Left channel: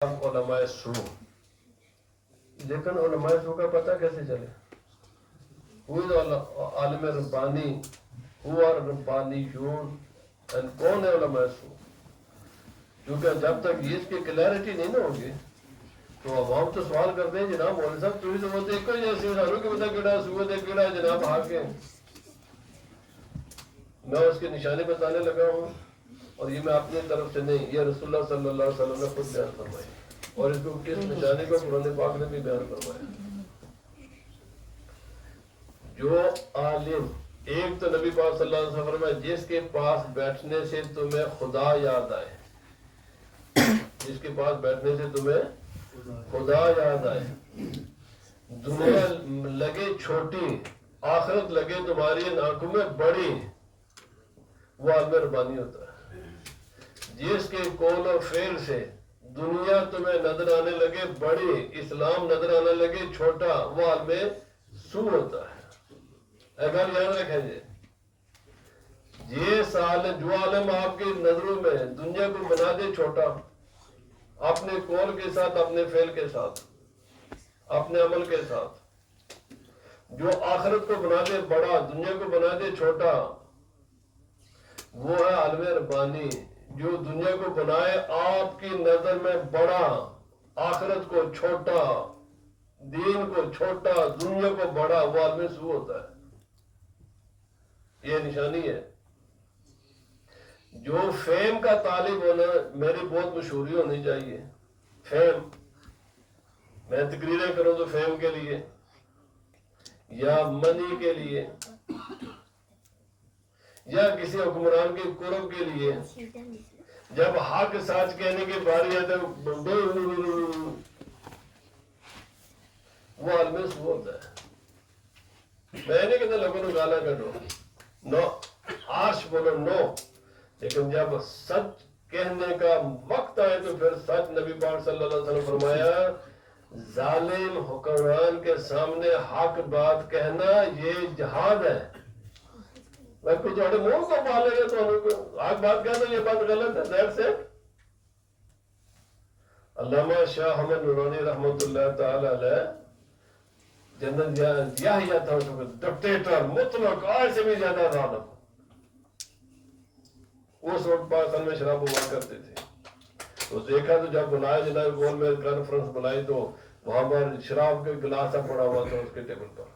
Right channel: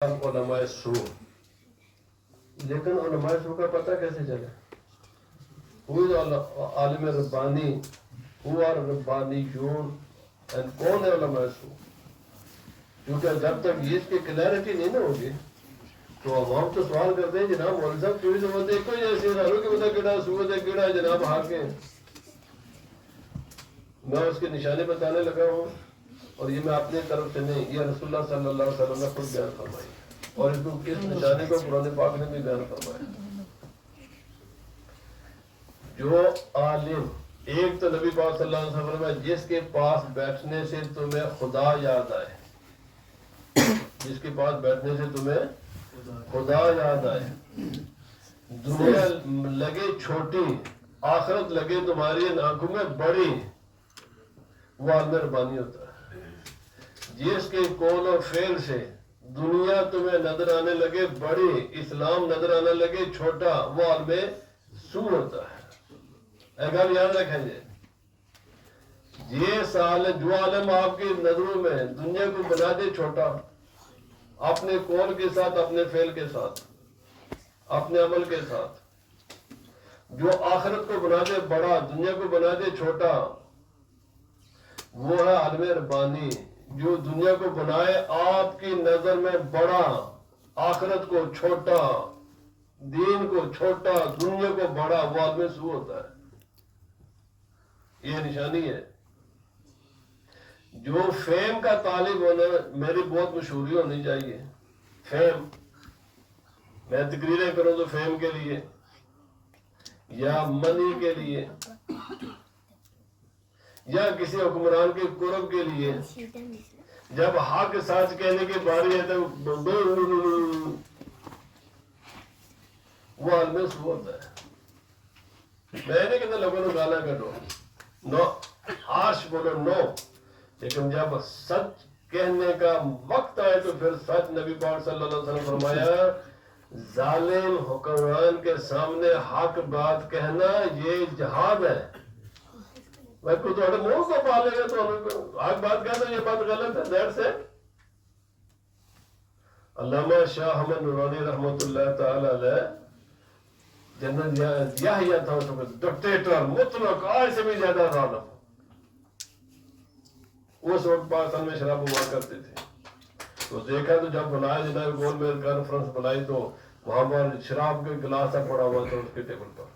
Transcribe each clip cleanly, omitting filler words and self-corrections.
علماء سو، لیکن علماء سو کا پتہ کیسے چلے؟ عالم ربانی ہوا ربانیون، کون ہے علماء سو؟ کیونکہ جب تک اس کی کلیئرٹی نہیں نہ ہوگی تو عوام تو سوال کرتے ہیں جناب مولوی صاحب کوئی ضرورت ہے کوئی ایسی اداروں کے بتا کیڑا سوت ہے کیڑا ہے جناب حاکم۔ میں اس کی نشانی بتانے لگا ہوں، اور یہ میں اپنی طرف سے نہیں، یہ رسول اللہ صلی اللہ علیہ وسلم نے خود بیان فرمائی، اور اس کو کس نشانی کو قرآن پاک نے بھی بیان فرمایا۔ جو عالم، ایک تو نبی پاک صلی اللہ علیہ وسلم فرمایا جس کے پاس بیٹھنے سے تمہیں خدا یاد آئے، جس کے پاس بیٹھنے سے تمہیں خدا یاد آئے، دنیا لگے چھوٹی آخرت لگے تمہاری آنکھوں میں بڑی، وہ عالم ربانی ہوتا ہے۔ جس کے قول و فعل سے دنیا تمہیں نظر آنے لگے بڑی، اسلام نظر آنے لگے چھوٹا، وہ عالم سو ہوتا ہے۔ اگر یاد رکھیں گے یہ سال جو عالم آپ کی نظروں میں دنیا کو بنا دے چھوٹا، اپنے قول کے ساتھ، اپنے فعل کے ساتھ، اپنے عمل کے ساتھ، جو آخرت کو بنا دے بڑا، دنیا کو بنا دے چھوٹا، وہ ہے عالم ربانی۔ جو دنیا کو بنائے آپ کی نظر میں بڑا، آخرت کو چھوٹا، دین کو چھوٹا، دنیا کو بڑا، وہ عالم سو ہوتا ہے۔ یہ نشانی ہے۔ جو فیم کا طالب ہونا، میری بہت مشہوری ہونی چاہیے، فیم، میں تقریریں کروں تو فیم کے لیے یا منی کے لیے یا کسی حکمران کے قرب کے لیے، جب حق سچ کہنے کی باری ہے تو وہ عالم سو ہوتا ہے۔ میں نہیں کہتا لوگوں نے گالا کڈو، نو، آش بولو نو، لیکن جب سچ کہنے کا وقت آئے تو پھر سچ، نبی پاک صلی اللہ علیہ وسلم فرمایا ظالم حکمران کے سامنے حق بات کہنا یہ جہاد ہے۔ میں کوئی تھوڑے منہ کو پالے گا تو حق بات کہنا یہ بات غلط ہے، دیٹ سے علامہ شاہ احمد نورانی رحمۃ اللہ تعالی علیہ جنرل یحییٰ تھا ڈکٹیٹر مطلق، آج سے بھی زیادہ ظالم، اس وقت پاکستان میں شراب ہوا کرتے تھے۔ تو دیکھا تو جب بنایا جناب گول میں کانفرنس بنائی تو وہاں پر شراب کے گلاس پڑا ہوا تھا اس کے ٹیبل پر۔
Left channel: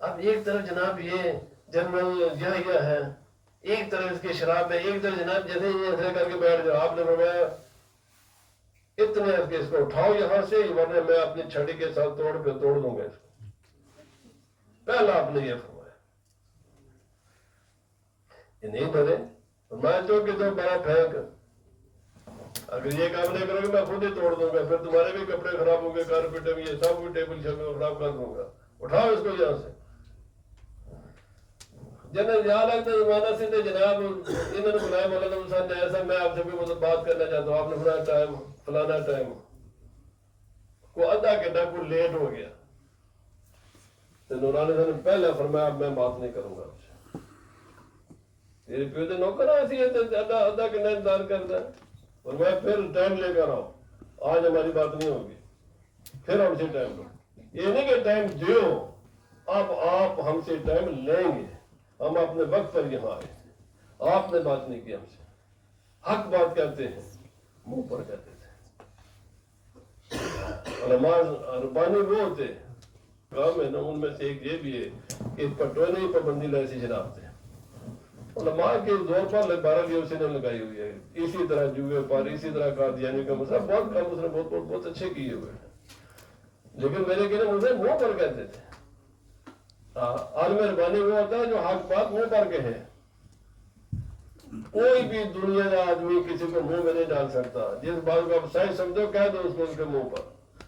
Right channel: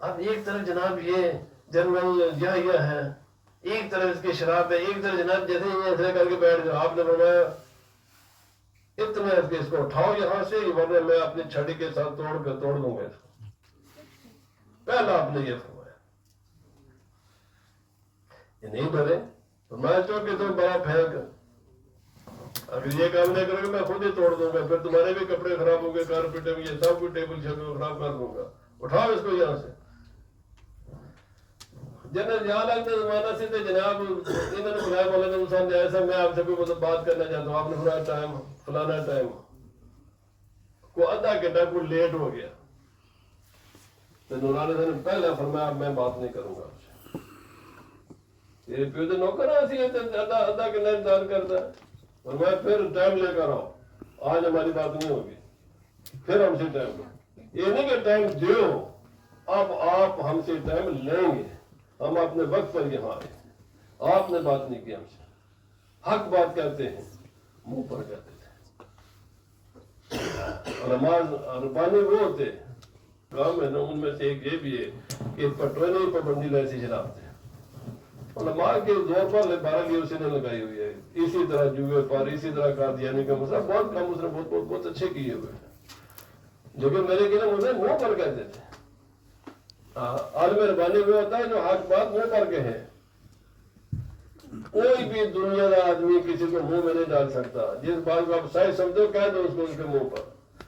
اب ایک طرف جناب یہ جنرل یحییٰ ہے، ایک طرف اس کی شراب ہے، ایک طرف جناب جیسے ہی ایسے کر کے بیٹھ گیا، آپ نے فرمایا اتنے اس کو اٹھاؤ یہاں سے، ورنہ میں اپنی چھڑی کے ساتھ توڑ دوں گا اس کو۔ پہلا آپ نے یہ فرمایا، یہ نہیں ڈرے، میں تو کہ تم بڑا پھینک، اگر یہ کام نہیں کرو گے میں خود ہی توڑ دوں گا، پھر تمہارے بھی کپڑے خراب ہوں گے، کارپیٹ بھی، یہ سب کوئی ٹیبل شیبل خراب کر دوں گا، اٹھاؤ اس کو یہاں سے۔ جنرل یہاں لگتے زمانہ سے تھے جناب، انہوں نے بلایا مولانا صاحب نے ایسا، میں آپ سے بھی بات کرنا چاہتا ہوں، آپ نے فلانا ٹائم، فلانا ٹائم، کو آدھا گھنٹہ کو لیٹ ہو گیا تو نورانی صاحب نے پہلے فرمایا اب میں بات نہیں کروں گا آپ سے، تیرے پیو دے نوکر ایسی ہے آدھا گھنٹہ انتظار کرتا ہے، اور میں پھر ٹائم لے کر آؤں، آج ہماری بات نہیں ہوگی، پھر ہم سے ٹائم لو، یہ نہیں کہ ٹائم دیو، اب آپ ہم سے ٹائم لیں گے، ہم اپنے وقت پر یہاں آئے، آپ نے بات نہیں کی ہم سے، حق بات کرتے ہیں منہ پر کرتے تھے۔ علماء ربانی وہ ہوتے کام ہے نا، ان میں سے ایک یہ بھی ہے کہ پٹوانی پابندی ایسی شراب تھے، علماء کے زور پر 12 اسی نے لگائی ہوئی ہے، اسی طرح جوئے پر، اسی طرح قادیانی کا مسئلہ، بہت کام اس نے بہت اچھے کیے ہوئے ہیں، لیکن میرے کہنا مجھے منہ پر کہتے تھے۔ عالم ربانی وہ ہوتا ہے جو حق بات منہ پر کہے، کوئی بھی دنیا کا آدمی کسی کو منہ میں نہیں ڈال سکتا، جس بات کو آپ صحیح سمجھو کہہ دو اس کو اس کے منہ پر۔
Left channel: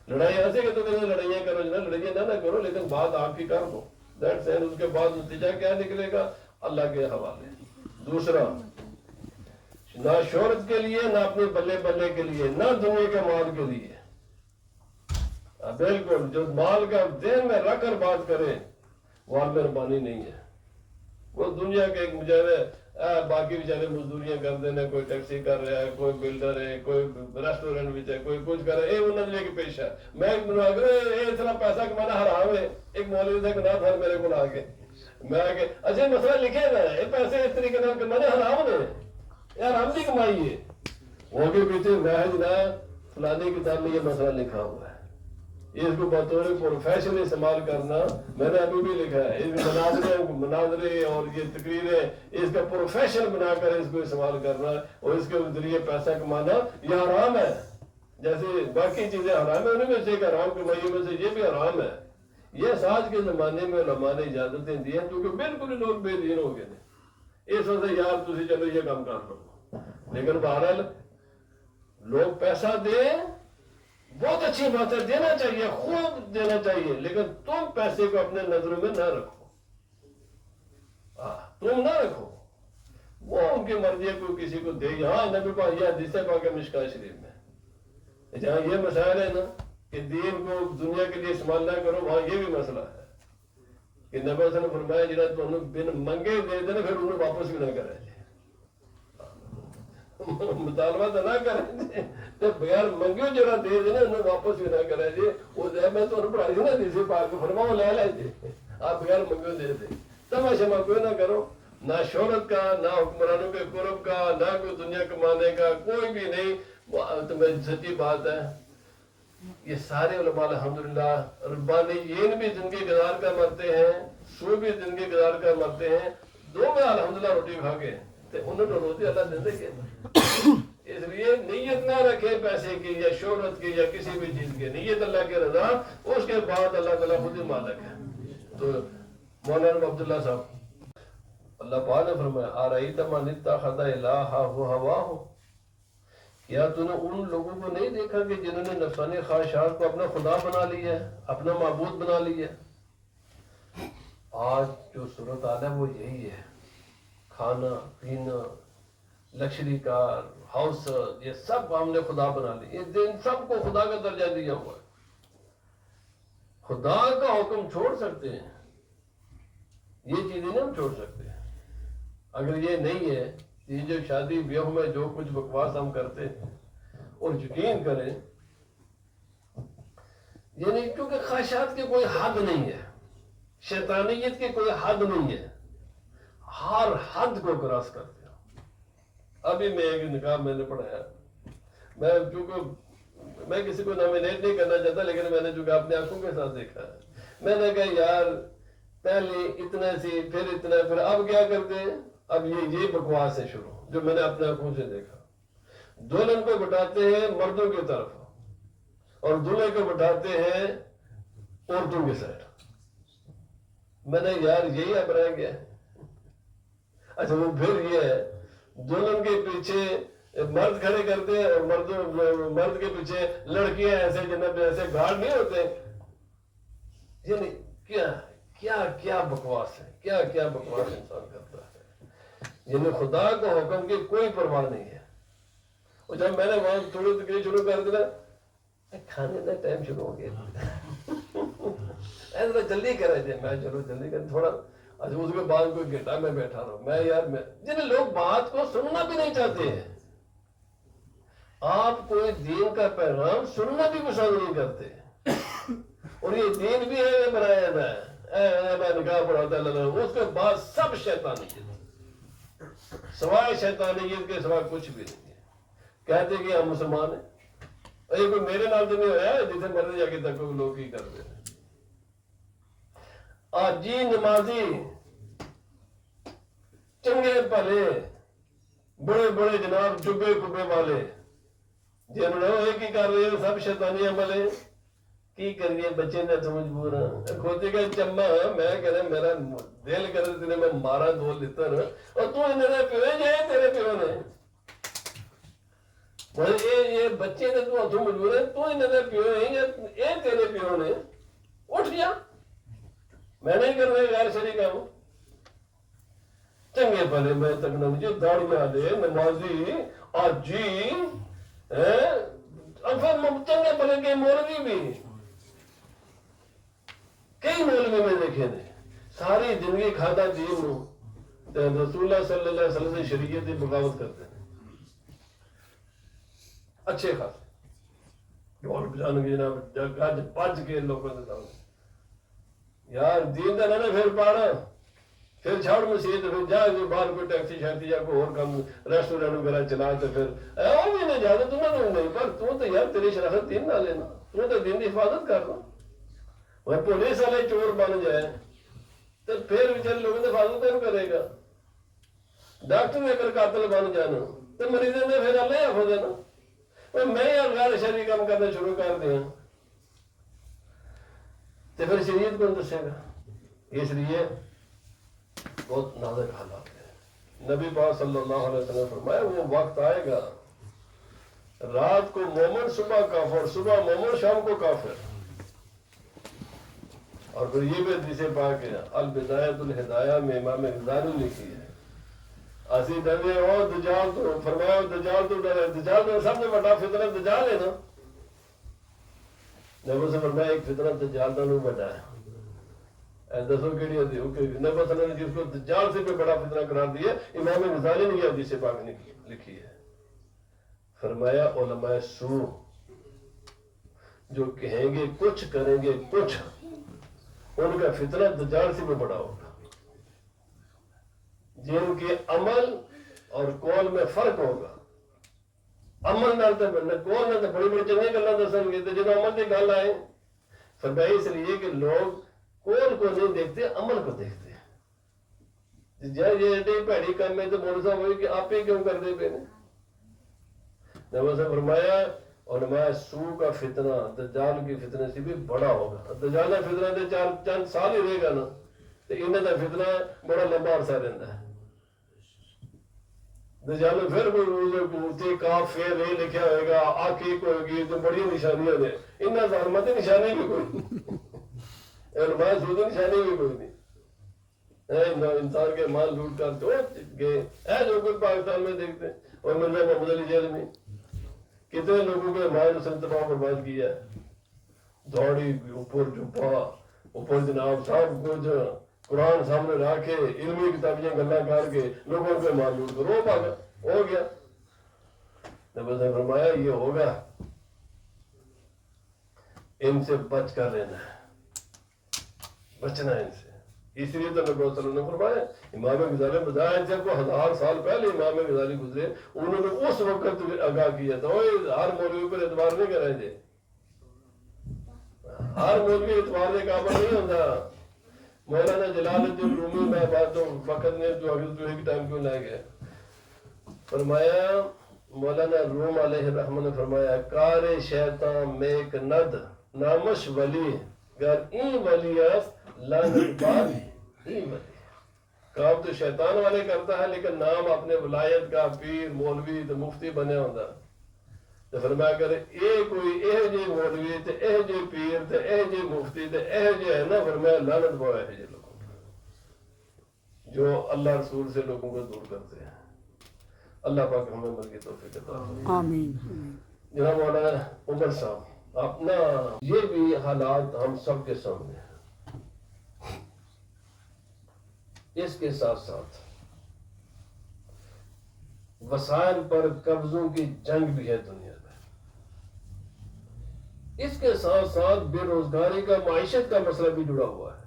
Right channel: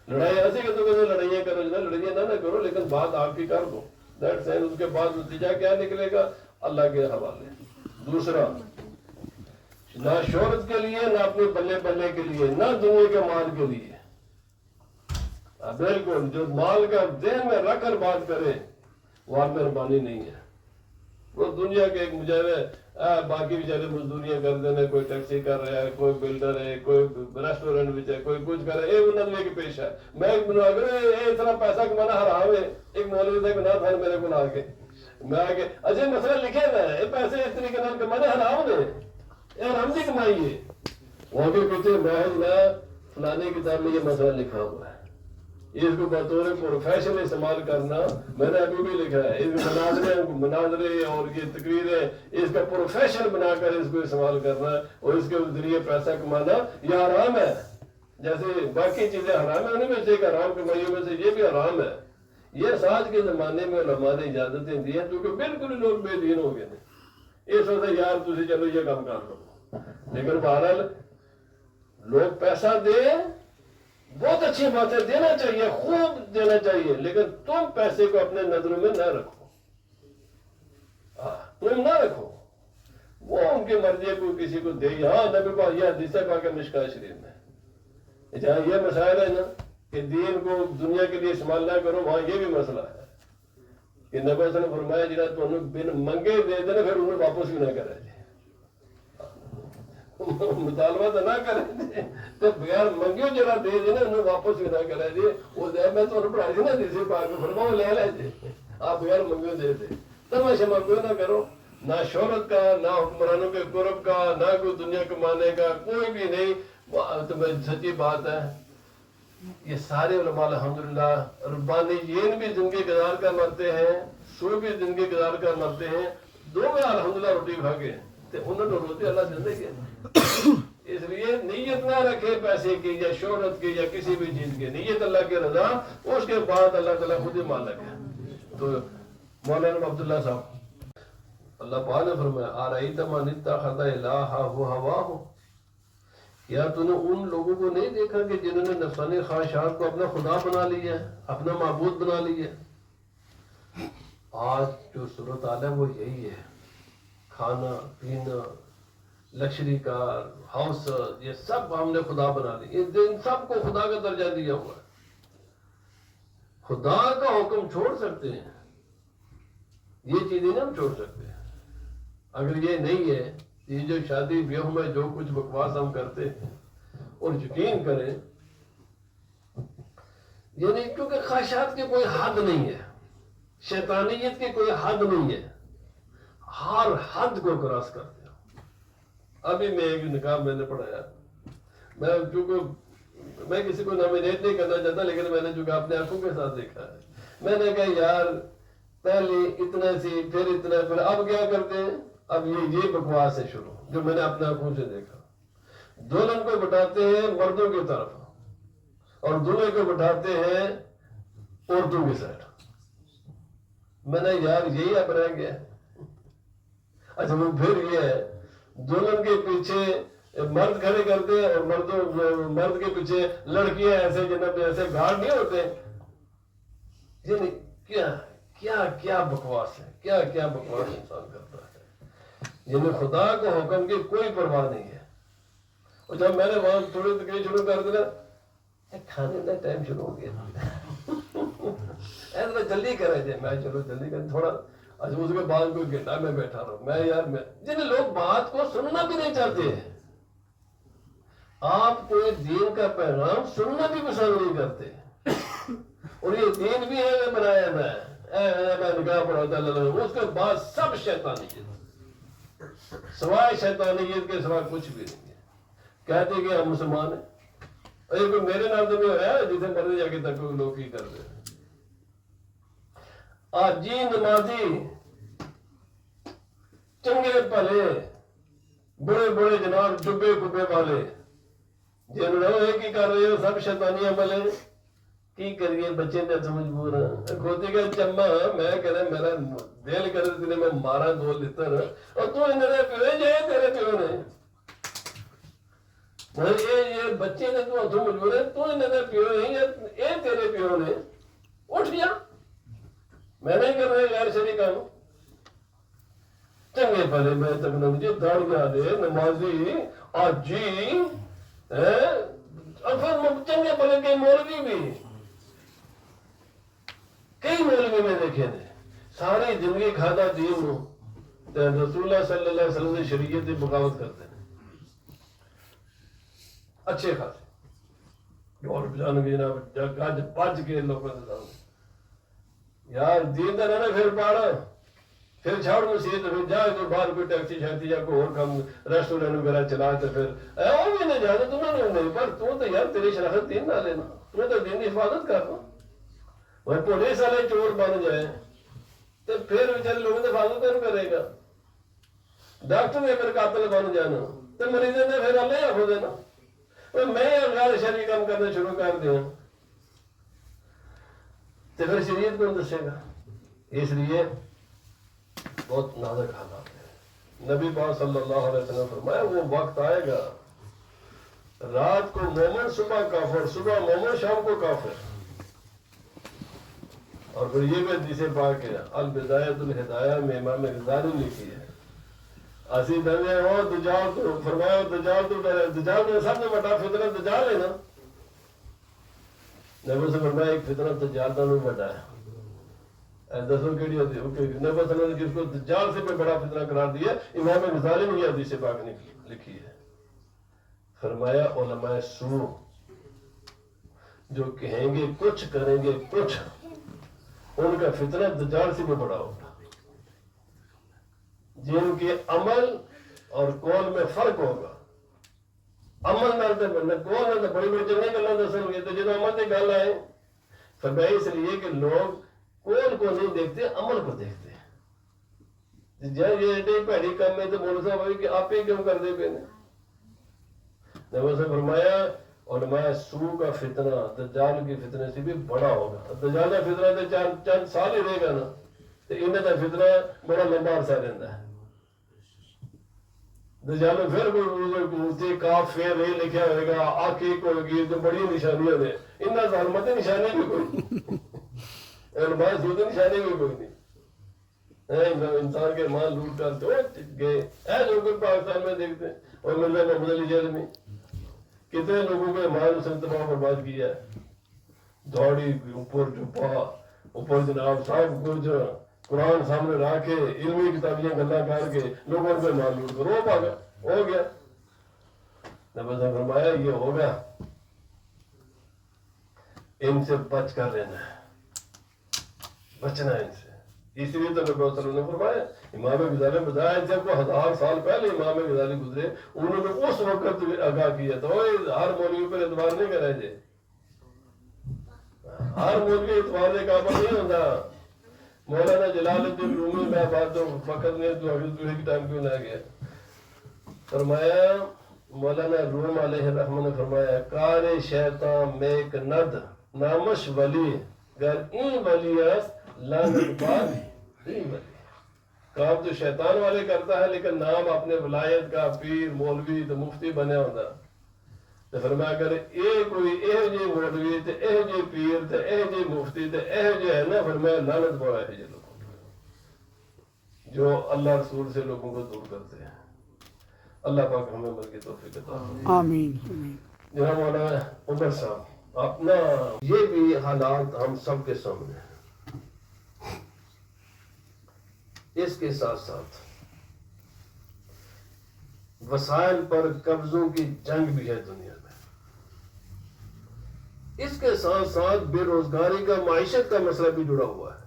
لڑائی ایسے کہ تو کہتے لڑائیاں کرو جنا، لڑائیاں نہ کرو، لیکن بات آپ کی کر دو، دیٹ سین، اس کے بعد نتیجہ کیا نکلے گا اللہ کے حوالے۔ دوسرا، نہ شہرت کے لیے، نہ اپنے بلے بلے کے لیے، نہ دنیا کے مال کے لیے، بالکل جو مال کا ذہن میں رکھ کر بات کرے وہ عالم ربانی نہیں ہے، وہ دنیا کے ایک مجاہد باقی بیچارے مزدوریاں کر دینا، کوئی ٹیکسی کر رہا ہے، کوئی بلڈر ہے، کوئی ریسٹورینٹ بچ ہے، کوئی کچھ کر رہا ہے، انہوں نے لے کے پیش ہے. میں اتنا پیسہ کمانا حرام ہے. ایک مولوی سے گناہ تھا میرے کو لا کے میں آگے اچھا مسئلہ لکھے نا یہ پیسے اس طریقے سے کمانے حرام نے، یہ حرام کی کمائی ہے. وہ کے پیچھے محض نہ فلانے کتاب میں یہ مسئلہ لکھا ہوا ہے، یہ اس کو بطور پروفیشن استعمال کرنا میں نے ابھی بھی لکھا ہے. اس مناظرے اور یہ تقریریں اس کا پروفیشن بنا کر اس کو استعمال کرنا اور اس کے ذریعے پیسہ کمانا یہ حرام ہے. جیسے باقی چیزیں حرام ہیں، انہیں میں سے ایک حرام کمائیوں میں سے یہ بھی حرام ہے. یہ آج کے زمانے میں علماء نے اجازتیں دی ہیں کیونکہ بالکل لوگ بے دین ہو گئے ہیں. اس وقت یار تھی چلو یہ کام کر لو، لیکن بہرحال لوگ پیسہ دیں بہت اچھی بات ہے، دینا چاہیے، خوب دینا چاہیے، لیکن تم پیسے کو اپنے نظروں میں نہ رکھو. تم نہ رکھو، وہ ان کی مرضی ہے، کوئی کسی کو دے. ہاں نبی پاک یہ حدیث ہے پاک مشکاۃ شریف میں جہاں یہ مسائل ہے نا کہ دین کو دنیا کے لیے استعمال نہ کرو، وہاں یہ بھی مسئلہ ہے کہ نبی صلی اللہ علیہ وسلم نے فرمایا جنہیں تو انہوں بن منگے دے دینا پھر انہیں واپس بھی نہ کرے. مطالبہ تو نہ کرے تو بغیر منگیو جرا دے دینا انہیں واپس بھی نہ کرے جی. وہ دے میں تو پڑھائی نا دیسی پاک فرما وہ لے لے جی، آپ بغیر منگیو دے دے. تماشا منگیو نہ کرو، نہ شہرت کا، نہ حکمرانوں کے قرب کا، نہ کوئی دنیا کمانے کا، کوئی بھی نہیں. تمہیں سچی بات ہے یہ سارے علماء الحمدللہ ربانیین بھی زندگی گزار کر مرتے ہیں، سو بھی زندگی گزار کر مرتے ہیں. دو بار الحمدللہ روٹی کھا کے انہوں نے روٹی اللہ دیتے گئے. اس لیے نیت نہ رکھے پیسے کی یا شہرت کی یا کسی بھی چیز کی، نیت اللہ کی رضا، اس کے بعد اللہ تعالیٰ خود ہی مالک ہے. تو مولانا عبداللہ صاحب اللہ پاک نے فرمایا آرائیت من اتخذ الہہ ہواہ، کیا تو نے ان لوگوں کو نہیں دیکھا کہ جنہوں نے نفسانی خواہشات کو اپنا خدا بنا لیا ہے، اپنا معبود بنا لیا ہے. آج جو صورت حال ہے وہ یہی ہے، کھانا پینا، لکشری کار، ہاؤس، یہ سب ہم نے خدا بنا لی. ان سب کو خدا کا درجہ دیا ہوا ہے. خدا کا حکم چھوڑ سکتے ہیں، یہ چیزیں نہیں ہم چھوڑ سکتے. اگر یہ نہیں ہے، یہ جو شادی بیاہ میں جو کچھ بکواس ہم کرتے ہیں اور یقین کریں یعنی کیونکہ خواہشات کی کوئی حد نہیں ہے، شیطانیت کی کوئی حد نہیں ہے، ہر حد کو کراس کرتے ہیں. ابھی میں ایک نکاح میں نے پڑھایا، میں چونکہ میں کسی کو نامینیٹ نہیں کرنا چاہتا، لیکن میں نے چونکہ اپنے آنکھوں کے ساتھ دیکھا ہے. میں نے کہا یار پہلے اتنا سی پھر اتنا، پھر اب کیا کرتے ہیں، اب یہ بکواس ہے شروع جو میں نے اپنے آنکھوں سے دیکھا. دلہن کو بٹھاتے ہیں مردوں کی طرف اور دلہے کو بٹھاتے ہیں عورتوں کی سائڈ. میں نے یار یہی اب رہ گیا. اچھا وہ پھر یہ ہے دلہن کے پیچھے مرد کھڑے کرتے ہیں اور مرد کے پیچھے لڑکیاں ایسے جناب ایسے گھاٹ نہیں ہوتے. یعنی کیا بکواس ہے، کیا بکواس انسان کرتا ہے. یعنی خدا کو حکم کی کوئی پرواہ نہیں ہے. اور جب میں نے وہاں تھوڑی تقریر شروع کر دیا کھانے کا ٹائم شروع ہو گیا، ایسا جلدی کرے جی. میں چلو جلدی کر تھوڑا. اچھا اس کے بعد کوئی گھنٹہ میں بیٹھا رہا ہوں. میں یار جن لوگ بات کو سننا بھی نہیں چاہتے ہیں، آپ کوئی دین کا پیغام سننا بھی پسند نہیں کرتے، اور یہ دین بھی ہے بنایا جائے میں نکاح پڑھاتا اللہ، اس کے بعد سب شیطانیت، سوائے شیطانیت کے سوا کچھ بھی نہیں ہے. کہتے کہ ہم مسلمان ہیں. ارے کوئی میرے نام تو نہیں ہوا جسے مرضی جا کے تک کوئی لوگ ہی کر دے. آج جی نمازی چنگے بھلے بڑے بڑے جناب جبے کبے والے جن لوگ ایک ہی کر رہے ہیں، سب شیطانی عمل ہے. کی کریے بچے نے مجبور ہیں کھوتی کا چما. میں کہہ رہا میرا دل کر تیرے میں مارا 2 لتر اور تو میرے پیو جائے تیرے پیو نے یہ بچے نے تو ہاتھوں مجبور ہے، تو میرے پیو ہے یہ تیرے پیو نے. اٹھ گیا، میں نہیں کر رہا غیر شرعی کام. چنگے پہلے میں تک نمجھے داڑیاں دے نمازی آج جی چنگے پہلے کے مولوی بھی کئی مولوی میں دیکھے نے ساری زندگی کھاتا دین نو رسول اللہ صلی اللہ علیہ وسلم نے شریعت کی بغاوت کرتے ہیں اچھے خاصے ڈھول بجان گے جناب گج بج کے لوگوں کے سامنے یار دین کا نہ پھر پاڑا پھر چھاڑ مسیح پھر جا کوئی باہر کوئی ٹیکسی شیکسی یا کوئی اور کام ریسٹورینٹ وغیرہ چلا تو پھر وہ بھی نہیں جانا تمہیں نہیں پر تو یار تیری شراکت دین نہ لینا تو دین کی حفاظت کرنا وہ پولیس والے چور بن جائے تو پھر بیچارے لوگوں کی حفاظت نہیں کرے گا ڈاکٹر اگر قاتل بن جانا تو مریضوں نے پھر اللہ حافظ دینا میں غیر شرعی کام کرنا شروع کر دیا تو پھر شریعت کو دسے گا اس لیے بہت نازک حالات ہیں نبی پاک صلی اللہ علیہ وسلم فرمایا وہ وقت آئے گا رات کو مومن صبح کافر صبح مومن شام کو کافر اور پھر یہ بھی حدیث پاک ہے البدایۃ الہدایہ میں امام غزالی نے لکھی ہے اسی دے وہ دجال تو فرمایا دجال تو سب سے بڑا فتنہ دجال ہے نا نبی سے فرمایا ایک فتنہ دجال کا نہیں بڑا ہے دسو کیڑی ہوتی نبی صلی اللہ علیہ وسلم نے جس کو دجال سے کوئی بڑا فتنہ قرار دیا امام غزالی نے یہ حدیث پاک نے لکھی ہے فرمایا علماء سو جو کہیں گے کچھ کریں گے کچھ ان کا فتنہ دجال سے بھی بڑا ہوگا جن کے عمل اور قول میں فرق ہوگا عمل نہ قول نہ بڑی بڑی چنگی گلاں دسن گے تو جب عمل کی گل آئے فرمایا اس لیے کہ لوگ قول کو نہیں دیکھتے عمل کو دیکھتے ہیں جب یہ ایڈی بھڑی کام ہے تو مولوی صاحب ہوئی کہ آپ ہی کیوں کر دے پہ نبی سے فرمایا علماء سو کا فتنہ دجال کی فتنے سے بھی بڑا ہوگا دجال کا فتنہ تو چند سال ہی رہے گا نا تو انہیں کا فتنہ بڑا لمبا عرصہ رہتا ہے دجال میں پھر کوئی کاف فعل نہیں لکھا ہوئے گا آخیق ہوگی تو بڑی نشانیاں نے انہیں ظالمت نشانی بھی کوئی نہیں علماء سو کی نشانی بھی کوئی نہیں انسان کے مال لوٹ کر تو گئے ہے جو کوئی پاکستان میں دیکھتے ہیں اور مرزا محمود علی جیل میں کتنے لوگوں کے مال اس نے تباہ برباد کیا ہے دوڑی اوپر چھپا اوپر جناب سب کچھ قرآن سامنے رکھ کے علمی کتابیاں گلا کر کے لوگوں کے مال لوٹ کر وہ پاگا ہو گیا نبی نے فرمایا یہ ہوگا ان سے بچ کر لینا ہے بچنا ہے ان سے اس لیے تو نبی صلی اللہ علیہ وسلم نے فرمایا امام غزالی نے بتایا ان سے کو 1000 سال پہلے امام غزالی گزرے انہوں نے اس وقت آگاہ کیا تھا ہر مولوی پر اعتبار نہیں کرے تھے ہر مولوی اعتبار کے قابل نہیں ہوتا مولانا جلال الدین رومی میں بات تو فقط نے جو حضرت کی ٹائم کیوں لے گیا فرمایا مولانا روم علیہ الرحمہ نے فرمایا کار شیطان میک ند نامش ولی گر این ولی است لعنت بار این ولی کام تو شیطان والے کرتا ہے لیکن نام اپنے ولایت کا پیر مولوی تو مفتی بنے ہوتا تو فرمایا اگر یہ کوئی اے جے مولوی تے اے جے پیر تے اے جے مفتی تے اے جے ہے نا فرمایا لعنت پاؤ ہے جے لوگوں جو اللہ رسول سے لوگوں کو دور کرتے ہیں اللہ پاک ہمیں عمل کی توفیق عطا فرمائے آمین جناب مولانا عمر صاحب اپنا یہ بھی حالات ہم سب کے سامنے ہیں اس کے ساتھ ساتھ وسائل پر قبضوں کی جنگ بھی ہے دنیا میں اس کے ساتھ ساتھ بے روزگاری کا معیشت کا مسئلہ بھی جڑا ہوا ہے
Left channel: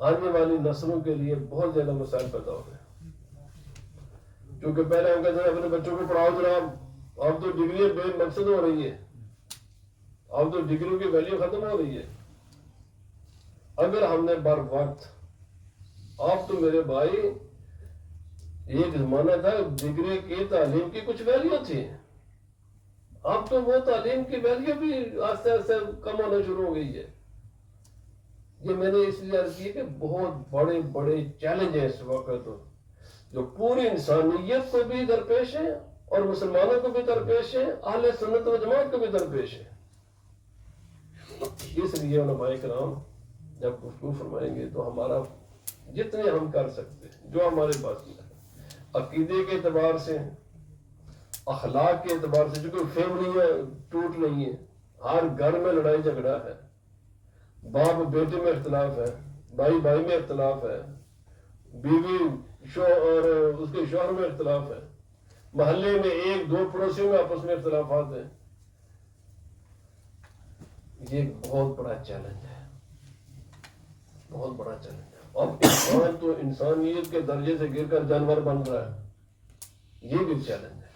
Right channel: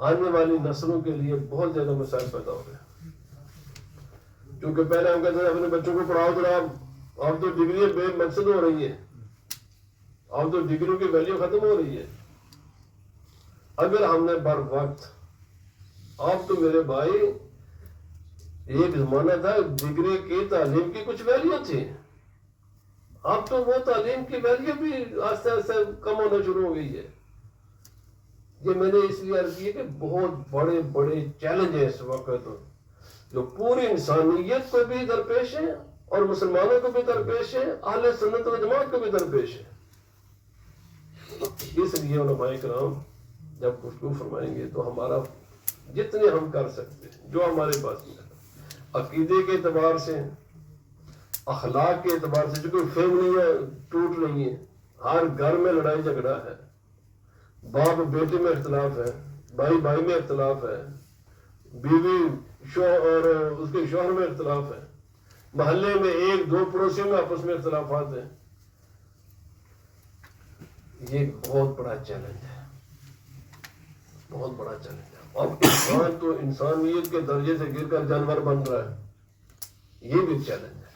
آنے والی نسلوں کے لیے بہت زیادہ مسائل پیدا ہو گئے کیونکہ پہلے ہم کہتے ہیں اپنے بچوں کو پڑھاؤ جناب اب تو ڈگری بے مقصد ہو رہی ہے اب تو ڈگریوں کی ویلیو ختم ہو رہی ہے اگر ہم نے بر وقت اب تو میرے بھائی ایک زمانہ تھا ڈگری کی تعلیم کی کچھ ویلیو تھی اب تو وہ تعلیم کی ویلیو بھی آہستہ آہستہ کم ہونا شروع ہو گئی ہے یہ میں نے اس لیے عرض کی کہ بہت بڑے بڑے چیلنج ہیں اس وقت جو پوری انسانیت کو بھی درپیش ہے اور مسلمانوں کو بھی درپیش ہے اہل سنت و جماعت کو بھی درپیش ہے اس لیے علماء کرام جب گفتگو فرمائیں گے تو ہمارا جتنے ہم کر سکتے ہیں جو ہمارے پاس ہے عقیدے کے اعتبار سے اخلاق کے اعتبار سے جو کوئی فیملیاں ٹوٹ رہی ہیں ہر گھر میں لڑائی جھگڑا ہے باپ بیٹے میں اختلاف ہے بھائی بھائی میں اختلاف ہے بیوی اور اس کے شوہر میں اختلاف ہے، محلے میں ایک دو پڑوسیوں میں آپس میں اختلافات ہیں. یہ بہت بڑا چیلنج ہے، بہت بڑا چیلنج ہے. اب انسان تو انسانیت کے درجے سے گر کر جانور بن رہا ہے. یہ بھی چیلنج ہے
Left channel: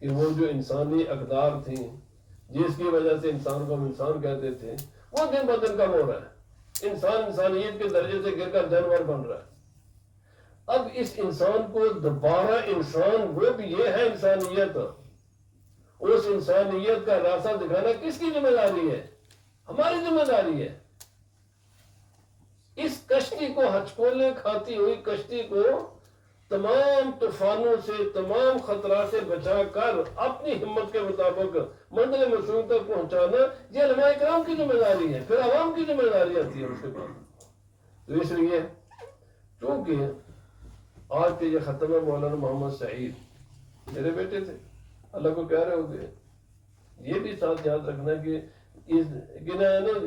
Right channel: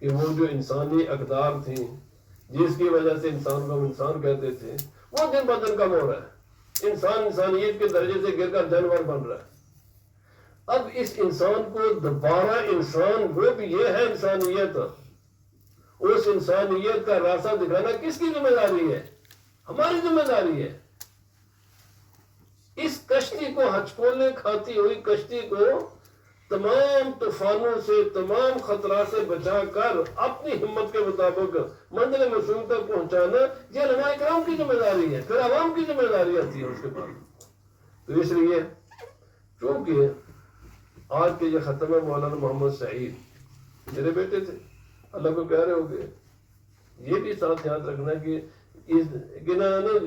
کہ وہ جو انسانی اقدار تھی جس کی وجہ سے انسان کو ہم انسان کہتے تھے وہ دن بدن کم ہو رہا ہے. انسان انسانیت کے درجے سے گر کر جانور بن رہا ہے. اب اس انسان کو دوبارہ انسان وہ بھی یہ ہے انسانیت، اس انسانیت کا راستہ دکھانا کس کی ذمہ داری ہے؟ ہماری ذمہ داری ہے. اس کشتی کو ہچکولے کھاتی ہوئی کشتی کو تمام طوفانوں سے تمام خطرات سے بچا کر اپنی ہمت کے مطابق منزل مقصود تک پہنچانا یہ علماء کرام کی ذمہ داری ہے. پھر عوام کی ذمہ داری آتی ہے اس کے بعد. تو اس لیے چونکہ آج کے یہ ختم ہے مولانا محمد سعید میرے بیٹے تھے، اللہ کو پیارے ہو گئے. یہ بھی ساتھ یاد رکھنا کہ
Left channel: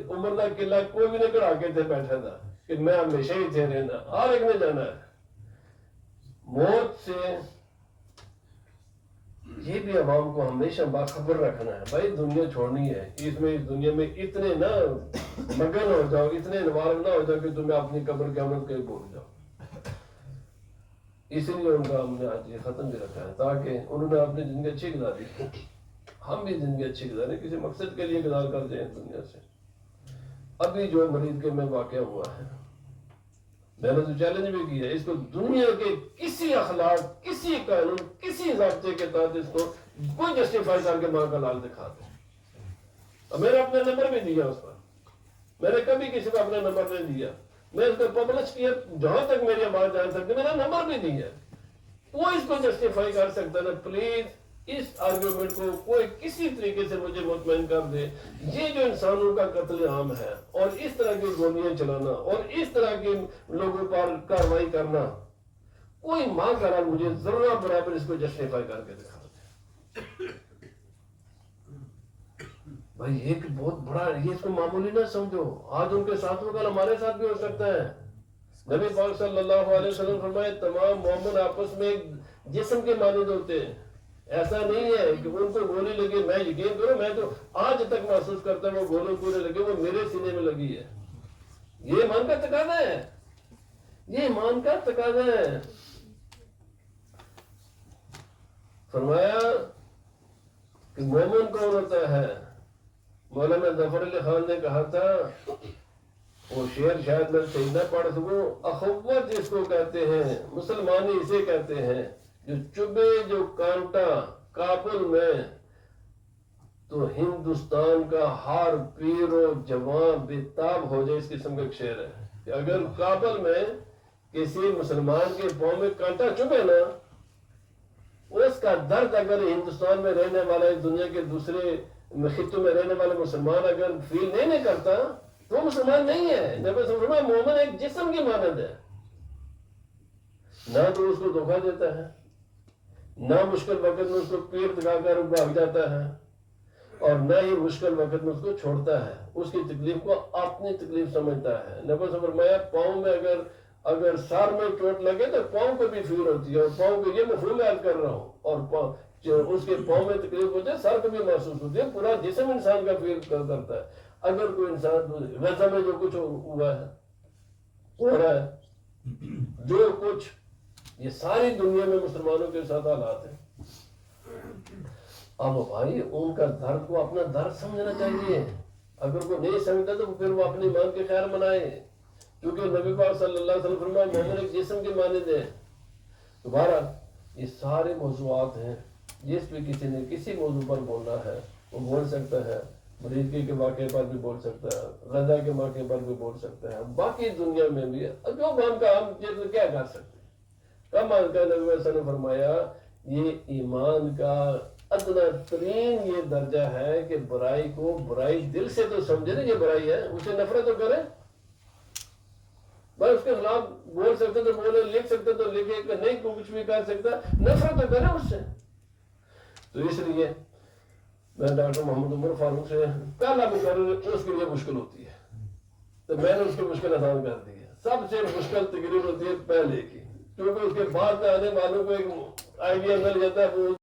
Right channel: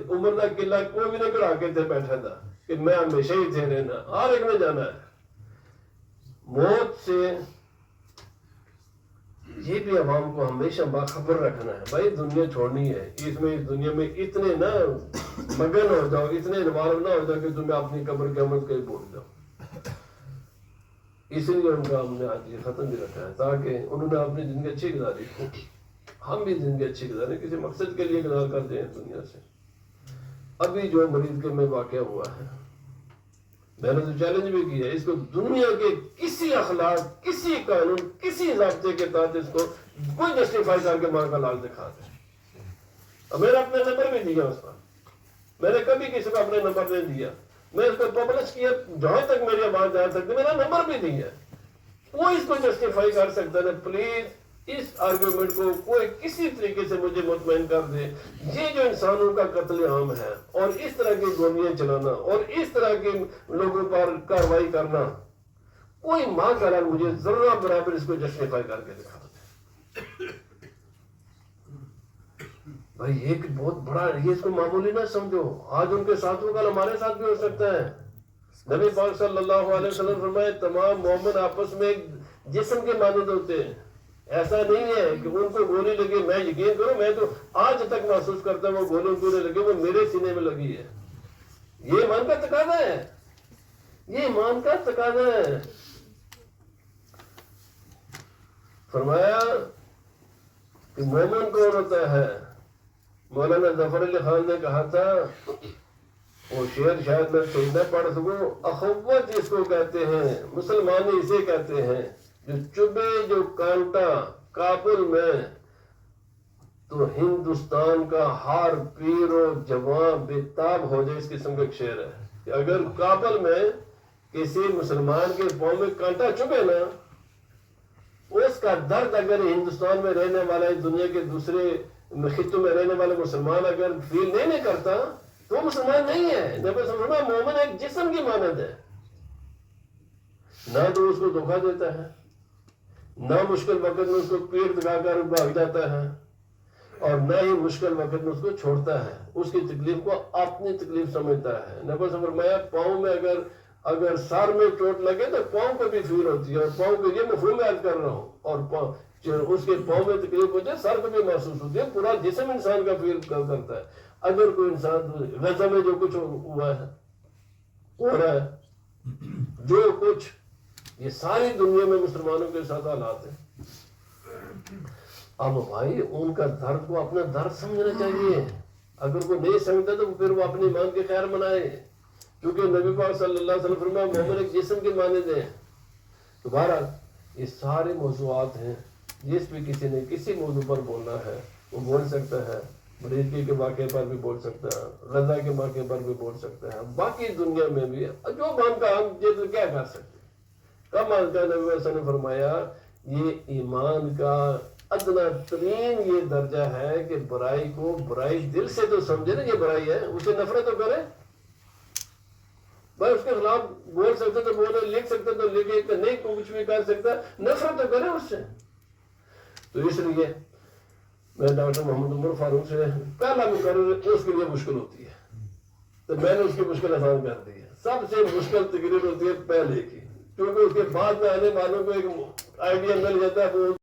عمر کا قلعہ کوئی بھی نہیں کڑا کے تھے بیٹھا تھا کہ میں ہمیشہ ہی تھے رہنا، ہر ایک نے جانا ہے. موت سے یہ بھی عوام کو ہمیشہ باخبر رکھنا ہے. بھائی دنیا چھوڑنی ہے، اس دنیا میں اتنے نہ مگن ہو جاؤ، اتنے انوالو نہ ہو جاؤ کہ تمہیں اپنی قبر کی امت کہیں بھول جاؤ. اسی لیے ان کا ہم نے آج یہ ختم بھی رکھا ہے تاکہ انہوں نے اپنی زندگی اچھی گزاری، ہم بھی زندگی اچھی گزاریں، کسی مقصد کے لیے گزار کر دیں دنیا سے. ابھی جو مریض کے میں واقعہ ہوا ہے میں نے تو چیلنج بھی کیا ہے، اس کو دنیا کے کسی اخلاق، کسی قانون، کسی ضابطے کے تحت اس کو کوئی جسٹیفائی کر کے ماں کا لال دکھا دے. اور میں نے اپنا نمبر بھی دیا اس پر، میں نے کبھی کسی کو اپنا نمبر نہیں دیا. میں اس کو پبلش کیا جہاں تک میری آواز جان سکتی، میرا نمبر بھی دیا. وہ اس کو جسٹیفائی کر سکتا ہے. پلیز اس آرگومنٹ کو کوئی کسی طریقے سے مجھے مطمئن کر دے. یہ جو انسانوں کا قتل عام ہے اور اس طرح کی گولیاں چلانا اور اس طرح کے لوگوں پر کارروائی کرنا، کوئی ماں کا لال مجھے ذرہ برابر اس کو جسٹیفائی کر کے دکھا دے. بھائی ایک بہت بڑا، یہ اس کو معمولی نہ سمجھو. آج ان کے ساتھ ہوگا، ہمارے ساتھ بھی ہو سکتا ہے. نبی پاک صلی اللہ علیہ وسلم فرمائے تمام مومن آپس میں ایک جسم کے مانند ہوتے ہیں. ایسا نہیں ہے کہ ان کو گولی لگی. میں یقین کرو میں تو آج تک محسوس کرتا ہوں وہ گولی پورے لگے وہ میرے سینے میں لگی ہے. یہ ایمان کا تقاضا ہے، یہ ایمان کا تقاضا ہے. فرمایا کہ مومن کون ہوتا ہے؟ مولانا ظفر علی خان نے کہا تھا، وہ شعر شاید میں صحیح نہ پڑھ سکوں، اخوت جس کو کہتے ہیں مسلمانی اسے کہتے ہیں، جو چبے جو کانٹا کابل میں تو ہندوستان کا ہر پیر و جوان بےتاب ہو جائے. اس قسم کا ایک شعر ہے کہ اگر کابل میں کسی مسلمان کے پاؤں میں کانٹا چبھے نا، اس کا درد اگر ہندوستان میں رہنے والا دنیا کے دوسرے خطوں میں رہنے والے مسلمان اگر فیل نہیں کرتا تو وہ مسلمان نہیں ہے. نبی صلی اللہ علیہ وسلم مومن ایک جسم کی مانند ہے. نہ تو اس کو دھوکہ دیتا ہے، نہ مشکل وقت میں اس کو پیر دکھا کر بھاگ جاتا ہے، اور نہ ہی مشکل وقت میں اس کو چھوڑتا ہے. اس کی تکلیف کو اپنی تکلیف سمجھتا ہے. نبی صلی اللہ علیہ وسلم فرمایا پاؤں میں اگر سر میں چوٹ لگے تو پاؤں کو بھی فیل ہوتی ہے، اور پاؤں کو یہ مفہوم یاد کر رہا ہوں، اور اس کے پاؤں میں تکلیف ہوتی ہے، سر کو بھی محسوس ہوتی ہے. پورا جسم انسان کا فیل کرتا ہے. اگر کوئی انسان غزہ میں جو کچھ ہوا ہے ہو رہا ہے، جو کچھ یہ ساری دنیا میں مسلمانوں کے ساتھ حالات ہیں. اب بھائی ان کا درد کو اپنا درد سمجھنا چاہیے. اگر وہ نہیں سمجھتا تو پھر وہ اپنی ایمان کے خیر منائے، کیونکہ نبی پاک صلی اللہ علیہ وسلم فرمایا مومن ایک جسم کے مانند ہے. دوبارہ یہ سارے موضوعات ہیں، جس بھی کسی نے کسی موضوع پر بولنا ہے وہ بول سکتا ہے. مریضی کے واقعے پر بھی بول سکتا ہے، غزہ کے واقعے پر بھی بول سکتا ہے، باقی دنیا میں بھی جو مان کا ہم کیا کر سکتے ہیں. کم از کم نبی صلی اللہ علیہ وسلم نے فرمایا یہ ایمان کا ادنا ترین یہ درجہ ہے کہ برائی کو برائی دل سے تو سمجھے نا یہ برائی ہے، اسے نفرت تو کرے. بھائی اس کے خلاف بول سکتے تو بولے، لکھ سکتے تو لکھے، کہ نہیں کچھ بھی کر سکتا، نفرت تو کرے اس سے. تو اس لیے میں ڈاکٹر محمد عمر فاروق سے پہلا مقرر اس کے لیے مشکل ہوتی ہے، تو میں نے اس کی مشکل آسان کر دی ہے. سب سے مشکل تقریر ہوتی ہے پہلے کی، کیونکہ اس کے بعد میں آنے والوں کو ایک آئیڈیا مل جاتا ہے وہ